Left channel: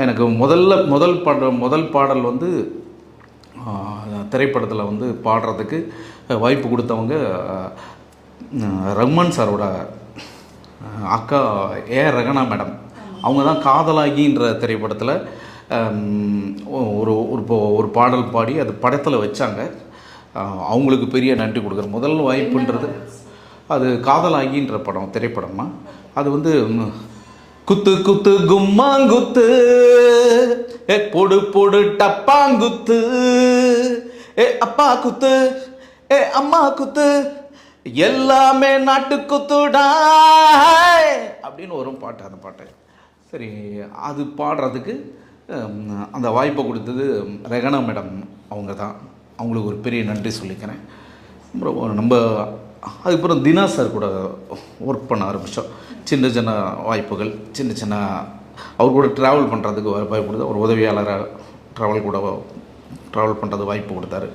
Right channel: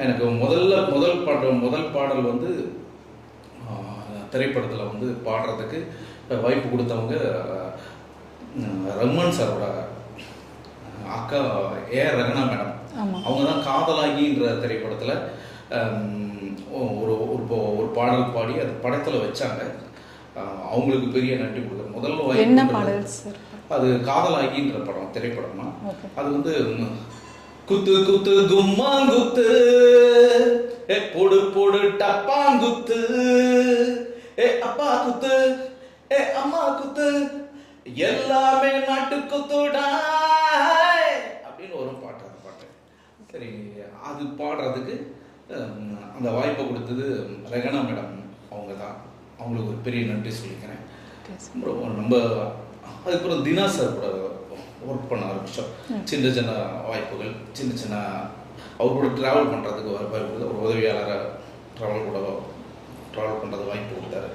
எனக்கு முதல்ல முதல் பாடல் முதல் பாடல் வந்து திரைப்படத்தில் வந்து பாடுறதுக்கு வாய்ப்பு கொடுத்தவங்க ரஹ்மான் சாரோட அக்கா ஏ ரகனா மேடம். அவங்க தான் காதலாகின்ற திரைப்படத்தில் ஒரு ஒரு ஒரு பாடல் பாடி அது படத்தில் வச்சாங்க. அவங்களுக்கு பெரிய நன்றி கொடுக்குறேன் முதல் வாய்ப்புன்றது அது காதலாகின்ற படம் திரைப்படமா? அது வந்து குத்து குத்து கும்மாங்குத்து ஏ பொடு பொடு டப்பாங்குத்து ஏ அப்பா குத்து. ஏ அம்மா குத்து. எல்லாமே நாட்டு குத்துடா. அப்படின்னு வரும் பாட்டு அந்த பாட்டு. சரி அது பாடுறதுக்கு அந்த வாய்ப்பை கொடுத்தது ரெகனா மேடம் அவங்க தான் அவங்களுக்கு ஒரு பெரிய நன்றி சொல்லிக்கிறேன். ரொம்ப நம்ம அதுக்கப்புறம் தினா சார் கூட ஒர்க் பண்ண ஆரம்பித்தோம் சின்ன சின்ன வாய்ப்புகள் சின்ன சின்ன அவர் கூட ட்ராவல் பண்ணுறதுக்கு வாய்ப்பு கொடுத்து ஒரு உதவியாளராக ட்ராவல் கூட ட்ராவல் பண்ணுறது வாய்ப்பு கொடுத்தாரு.